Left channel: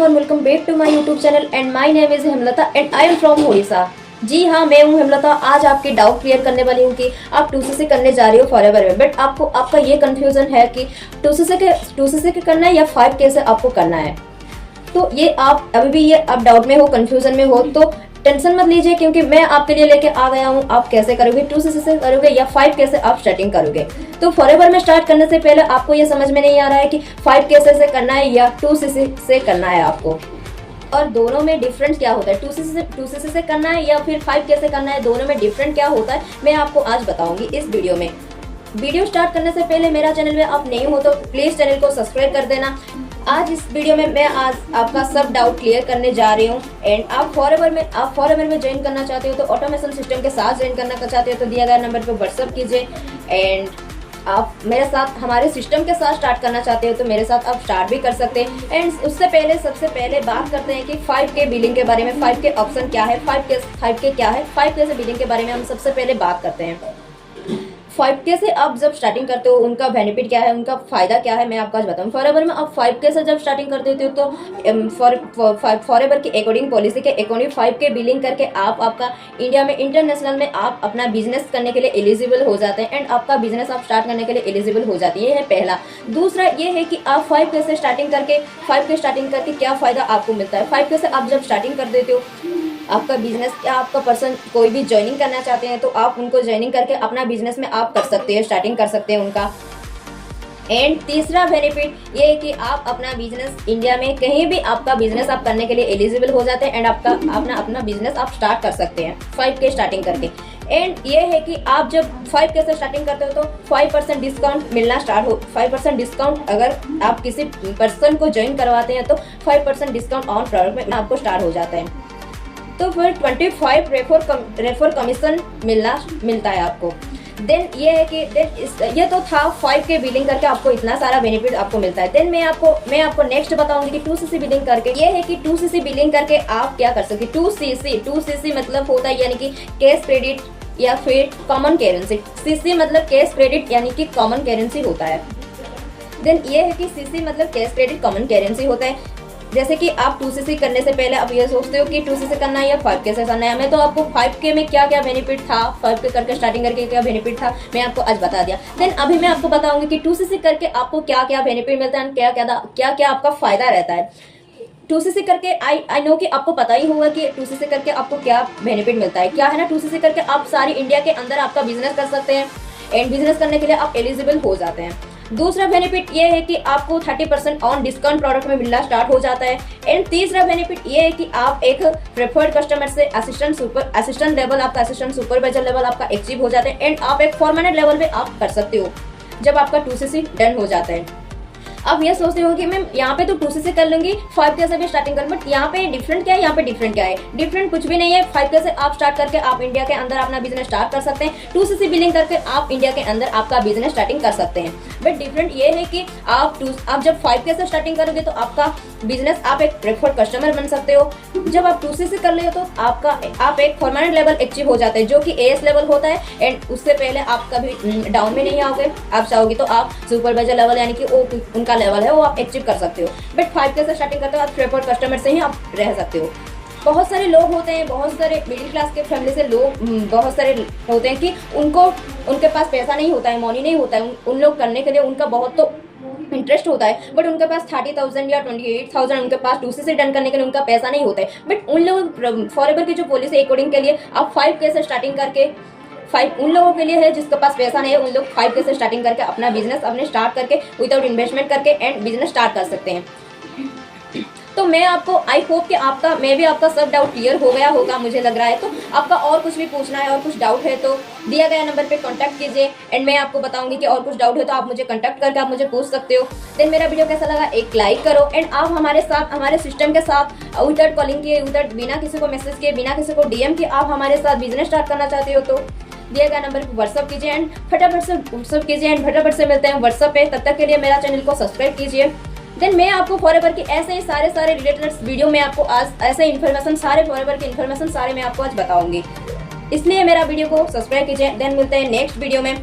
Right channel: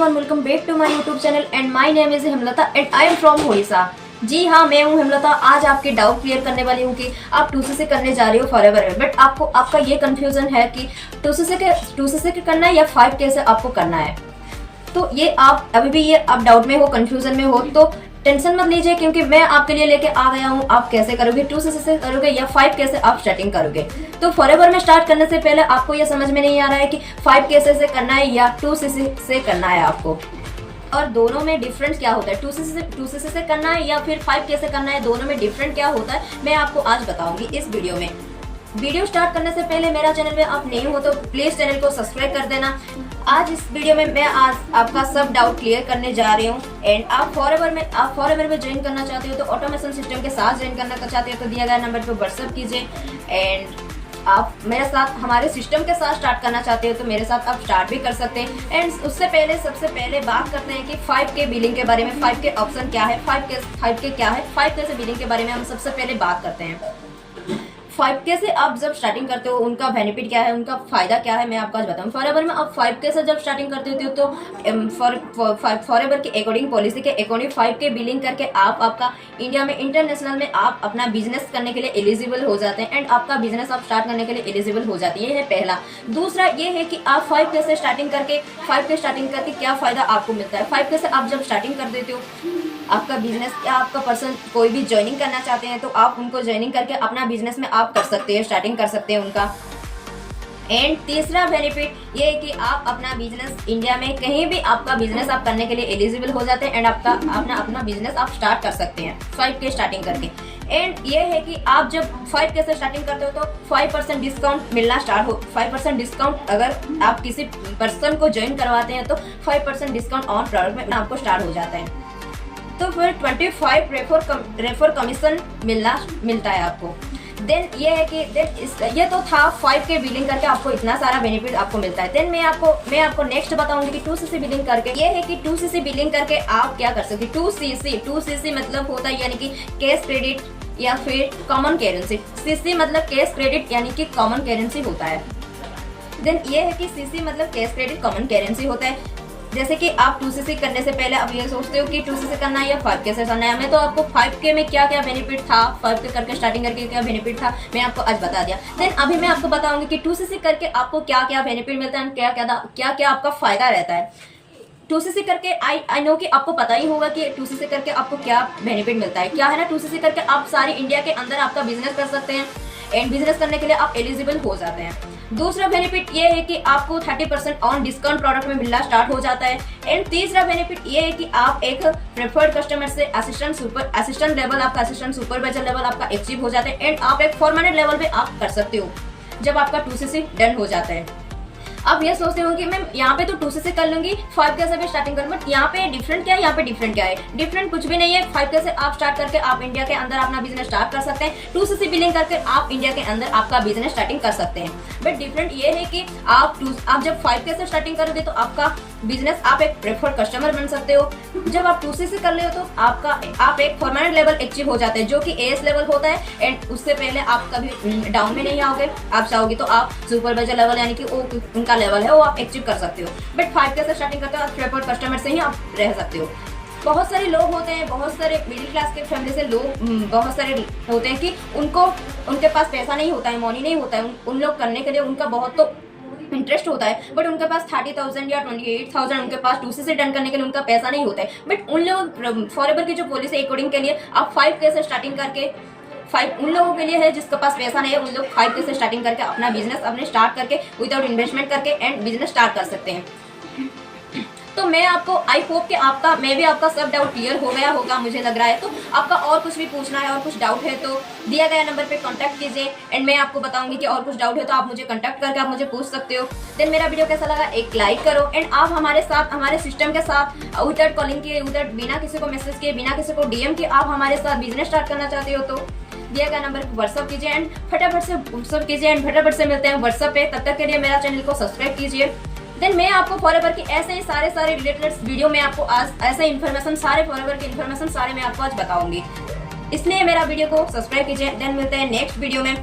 Everyone, welcome back to my YouTube channel and my name is Hemlata and I am from Orissa. जी हाँ, मैं हूँ हेमलता। आज आपके डाउट क्लियर करने वाली हूँ कि आप 2cc करने जा रही हो फॉरएवर में, बट आपका ये कंफ्यूजन है कि 2cc के करना है या 5K से आपको करना है। तो ये आप अभी भी आप डाउट में हो, कंफ्यूजन में हो, तो टेंशन मत लीजिए, क्योंकि मैं आपके लिए लेके आ गया हूँ। आप कैसे करोगे, 2cc से करोगे या 5K से आप स्टार्टिंग करोगे। तो फॉरएवर में स्टार्ट करने से पहले आपको ये समझ में नहीं आ रहा है कि 5K से करना है या 2cc से करना है आपको, और दोनों में डिफरेंस क्या होता है। 2cc से करना है या फिर 5K से करना है, दोनों में डिफरेंट क्या होता है मैं आपको आज बताऊंगी इस वीडियो में। वीडियो स्टार्ट करने से पहले मेरा चैनल में आप नए हो तो प्लीज चैनल को सब्सक्राइब कर देना। आज इस वीडियो में मैं आज आपका सब डाउट क्लियर करने जा रही हूँ। एंड आप फॉरएवर में ज्वाइन करना चाहते हो तो ऑटोमेशन सिस्टम के साथ ज्वाइन करना चाहते हो तो दिया गया नंबर पे व्हाट्सएप कीजिए। एंड आप मेरे साथ हमारे सिस्टम के साथ स्टार्ट करना चाहते हो तो मेरे साथ आप स्टार्ट भी कर सकते हैं। एंड उससे पहले सबसे पहले बात करते हैं कि 5K बिलिंग के बारे में। 5K ऑप्शन क्या है, 5K क्या है, 5K से बिलिंग के बारे में हम सबसे पहले बात करते हैं। 5K से आप जब स्टार्टिंग करते हो उनका बेनिफिट क्या है, उनका फायदा क्या है, मैं आपको आज बताऊँ। फॉरएवर में आप 5K से जब स्टार्टिंग करते हो तो फॉरएवर की अकॉर्डिंग पॉलिसी के अकॉर्डिंग 5K बिलिंग करके आप आपका इंडिया में इंटरनेशनल में आप अपना बिजनेस करने के लिए एलिजिबल हो जाते हैं। एंड आपका बिजनेस आप स्टार्ट करने के लिए एलिजिबल हो जाती है, ये है पहला। दूसरा ये है कि आप 5K से स्टार्टिंग करके क्या फायदा आपको मिलता है। 5K से आप जब स्टार्टिंग कर देते हो आपका बिजनेस या आपका पर्सन कोई भी ज्वाइनिंग करना चाहते हैं तो आप उनको ज्वाइनिंग करके अपना बिजनेस में आप कर सकते हैं, स्टार्टिंग कर सकते हैं उनका। एंड तीसरा बेनिफिट ये है कि आप अपना बिजनेस इंडिया में कहीं भी आपका बिजनेस आप करने के लिए एलिजिबल हो जाते हैं एंड आपका अपना बिजनेस आप स्टार्ट कर सकते हैं 5K स्टार्टिंग करके। एंड ये है कि आप जब 5K से स्टार्टिंग करते हो तो 5% डिस्काउंट मिलना स्टार्ट हो। 5% डिस्काउंट अगर आप किसी पर्सन को ज्वाइन करवाते हैं तो 5% डिस्काउंट ऑन प्रोडक्ट में आपको स्टार्ट हो जाता है। तो फिर 25 रेफर कमीशन मिलता है आपको। देन ये है कि ये तो था 5K बिलिंग करके आपको इतना सारा बेनिफिट आपको मिलता है। देन मैं आपको नेक्स्ट बताऊंगी कि 2cc बिलिंग करके ये है कि 2cc बिलिंग करके आप क्या कर सकते। 2cc मतलब होता है यानी कि कैश क्रेडिट या फिर कॉमन करेंसी। CC मतलब कैश क्रेडिट यानी कि कॉमन करेंसी होता है। देन ये है कि CC मतलब कैश क्रेडिट कॉमन करेंसी होता है। जैसे कि आप 2cc करने से पहले आप ये सोचते हो कि 2cc करना है या 5K से करना है। मैं तो आपको 5K में क्या क्या बेनिफिट था, 5K करके स्टार्टिंग करके क्या बेनिफिट था मैं आपको आज बता दिया। देन अभी मैं आपको बताऊंगी कि 2cc करके आपको क्या क्या बेनिफिट मिलता है, क्या क्या आपका फायदा रहता है। 2cc करके आई नो कि आपको पता ही होगा कि 2cc करके आपको क्या बेनिफिट मिलता है। क्या है ना, 2cc करके आप सारे इंडिया के अंदर आपका बिजनेस कर सकते हैं एंड बिजनेस करने के लिए आप एलिजिबल हो जाते हैं। दूसरा बेनिफिट ये है कि आपको 30% ऑन डिस्काउंट प्रोडक्ट में मिलना स्टार्ट हो जाता है। एंड तीसरा बेनिफिट ये है कि आप एक प्रेफर्ड कस्टमर से असिस्टेंट लेवल आपका असिस्टेंट सुपरवाइजर लेवल आपका अचीव हो जाता है। एंड आप एक परमानेंट लेवल में आप कर सकते हो जब आपका 2cc डन हो जाता है। अब ये सोचती हूँ कि मैं यहाँ पे तो 2cc कर लूंगी, 5K से भी स्टार्टिंग करूँ, बट यहाँ पे डिफरेंट क्या है, यहाँ पे डिफरेंट क्या है। डिफरेंट कुछ भी नहीं है। 5K से आप स्टार्ट करके आप इंडिया के अंदर अपना बिजनेस स्टार्ट कर सकते हैं। 2cc बिलिंग करके आप इंडिया के अंदर आपका बिजनेस स्टार्टिंग कर सकते हैं। बट डिफरेंट ये है कि आप जब 5K से स्टार्टिंग करोगे तो आपका बिजनेस आप एक प्रेफर्ड कस्टमर बन सकते हो। जब आप 2cc कर ले तो आप एक परमानेंट लेवल अचीव हो जाते हैं जो कि AS लेवल होता है। एंड उससे पहले आप कभी डाउन में नहीं आओगे। आप चाहोगे तो आप सुपरवाइजर लेवल यानी कि वो उनका लेवल है वो आप अचीव कर सकते हो। बट 5K से स्टार्टिंग करते हो आप प्रेफर्ड कस्टमर से ही आप रह सकते हो। बहुत सारे लोग होते हैं, बहुत सारे मिडिल क्लास के फैमिली से लोग बहुत सारे होते हैं कि उनके पास पैसा नहीं होता है, मनी नहीं होता है उन लोग करने के लिए। उनका बहुत तो इंटरेस्ट होता है बट उनके पास 30,000 या 28,000 उनके पास 2cc डन करने के लिए उनका पैसा नहीं होता है। बट उन लोग फॉरएवर की जो पॉलिसी अकॉर्डिंग के लिए आप 5K से स्टार्टिंग करके उन लोगों के लिए है जिसके पास पैसा नहीं है। उन लोग 5K से स्टार्टिंग करके अपना बिजनेस अपने स्टार्ट करके विदाउट इन्वेस्टमेंट करके एंड बिजनेस स्टार्ट कर सकते हैं। तो मैं आपको आई होप कि मैं भी आपका सब डाउट क्लियर हो गया होगा मुझे लग रहा है। तो आपका और कुछ भी पूछना है और कुछ डाउट है तो दिया गया नंबर पे कांटेक्ट कीजिए एंड मैं आपको बताऊंगी कि और कुछ डाउट है तो आप मुझे कांटेक्ट करके आप मुझे पूछ सकते हो। देन मेरा वीडियो कैसा लगा एक लाइक करो एंड आप हमारे सिस्टम के साथ विदाउट कॉलिंग किए, विदाउट बिना किसी को मैसेज किए, बिना किसी को DM किए आप हमारे साथ बिजनेस स्टार्ट करना चाहते हो तो दिया गया नंबर पर व्हाट्सअप कीजिए एंड फटाफट से मिलते हैं व्हाट्सअप पे। तब तक के लिए मेरा चैनल को सब्सक्राइब कीजिए। देन मैं आपको फॉरएवर की ऐसे ही सारे रिलेटेड वीडियो में आपको आज ऐसे इन्फॉर्मेशन फॉरएवर की इन्फॉर्मेशन मैं आपको आज बताऊंगी। इसलिए मेरा वीडियो को सब्सक्राइब कीजिए। देन मिलते हैं नेक्स्ट वीडियो में।